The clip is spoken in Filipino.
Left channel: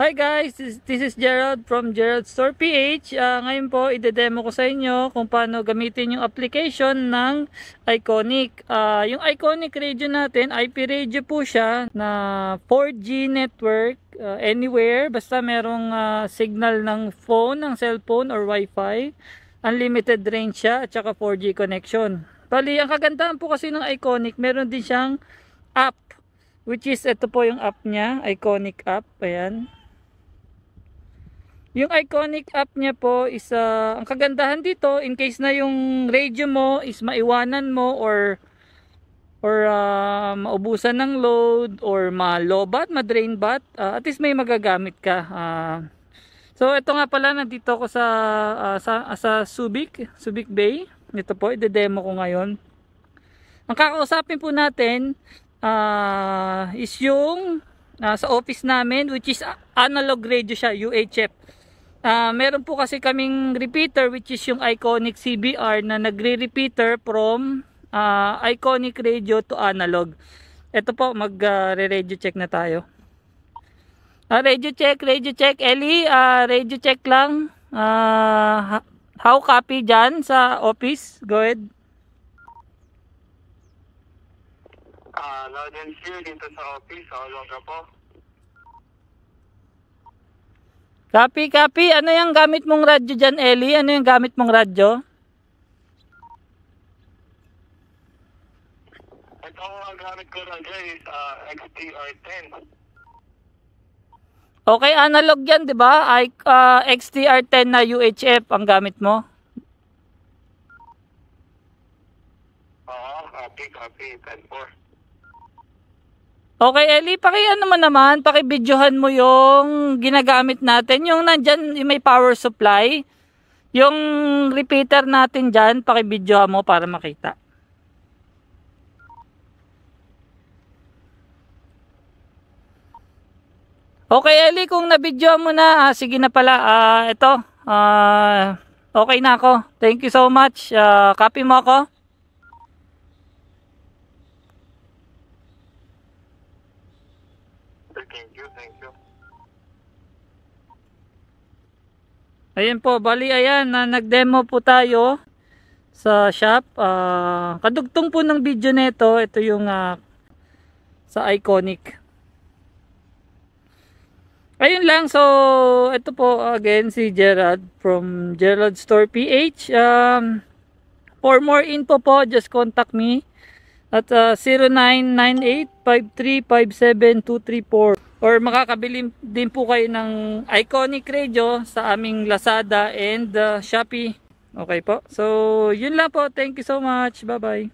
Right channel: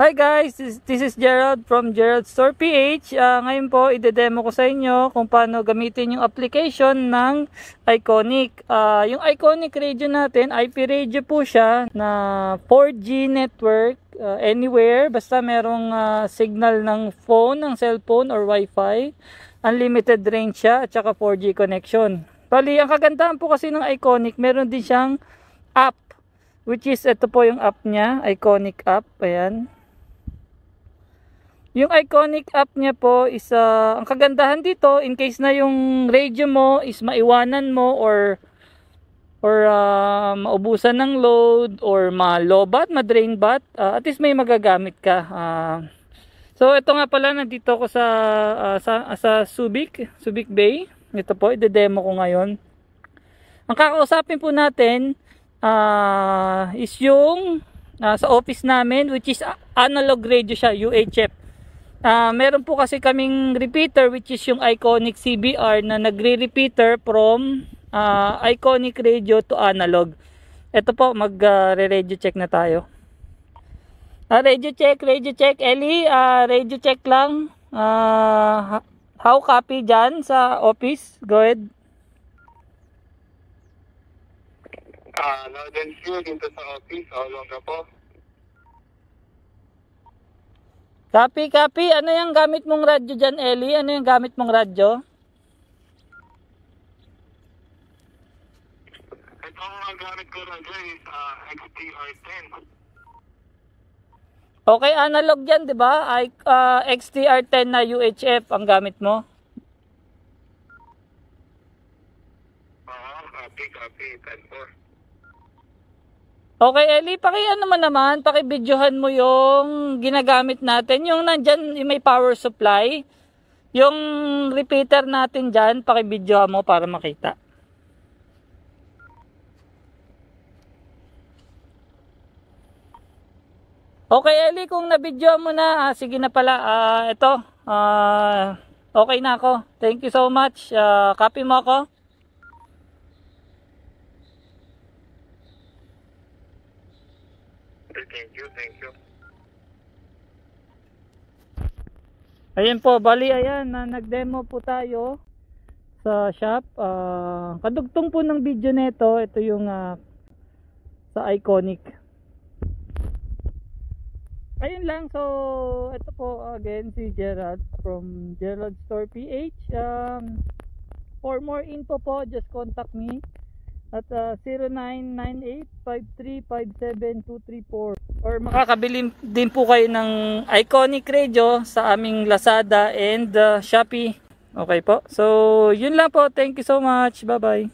Hi guys, this is Gerald from Gerald Store PH. Ngayon po, ide-demo ko sa inyo kung paano gamitin yung application ng Iconic. Yung Iconic radio natin, IP radio po siya na 4G network anywhere. Basta merong signal ng phone, ng cellphone or Wi-Fi. Unlimited range siya at saka 4G connection. Bali, ang kagandahan po kasi ng Iconic, meron din siyang app. Which is, ito po yung app niya, Iconic app. Ayan. Yung Iconic app niya po is ang kagandahan dito, in case na yung radio mo is maiwanan mo or maubusan ng load or ma-lowbat, ma-drain bat, at least may magagamit ka. So ito nga pala, nandito ko sa Subic Bay. Ito po, ide-demo ko ngayon. Ang kakausapin po natin is yung sa office namin, which is analog radio siya, UHF. Meron po kasi kaming repeater which is yung Iconic CBR na nagre-repeater from Iconic radio to analog. Ito po, mag-radio check na tayo. Radio check, Ellie, radio check lang. How copy dyan sa office? Go ahead. Loud and clear dito sa office, all na po. Copy. Ano yung gamit mong radyo dyan, Ellie? Ano yung gamit mong radyo? Ito ang gamit ko radyo is XTR10. Okay, analog yan, di ba? XTR10 na UHF ang gamit mo. Copy, 10-4. Okay, Ellie, paki-videohan mo yung ginagamit natin. Yung nandyan, yung may power supply. Yung repeater natin dyan, paki-videohan mo para makita. Okay, Ellie, kung na-videohan mo na, sige na pala. Ito, okay na ako. Thank you so much. Copy mo ako. Thank you. Ayan po, bali ayan, nag-demo po tayo sa shop. Kadugtong po ng video nito, ito yung sa Iconic. Ayun lang, so ito po again si Gerald from Gerald Store PH. For more info po, just contact me at 0998-5357-234 or makakabili din po kayo ng Iconic radio sa aming Lazada and Shopee. Okay po, so yun lang po, thank you so much, bye bye.